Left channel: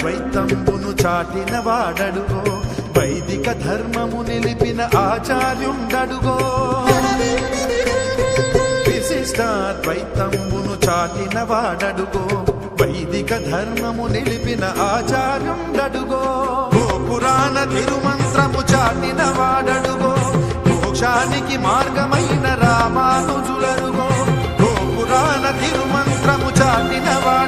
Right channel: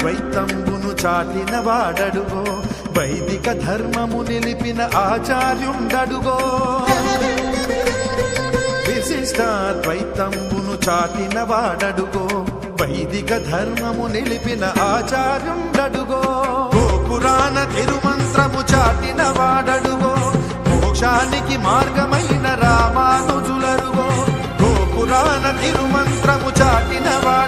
ద్వైతంబును చాటిన వాడడుగో వైదిక ధర్మము నిలిపిన ఆచార్యుండడుగో విశిష్టాద్వైతంబును చాటిన వాడడుగో వైదిక ధర్మము నిలిపిన ఆచార్యుండడుగో పురాణ తిరుమంత్రము చాటిన వాడడుగో మోక్షానికి మార్గమైన రామానుజులరుగో పురాణ తిరుమంత్రము చాటిన వాడ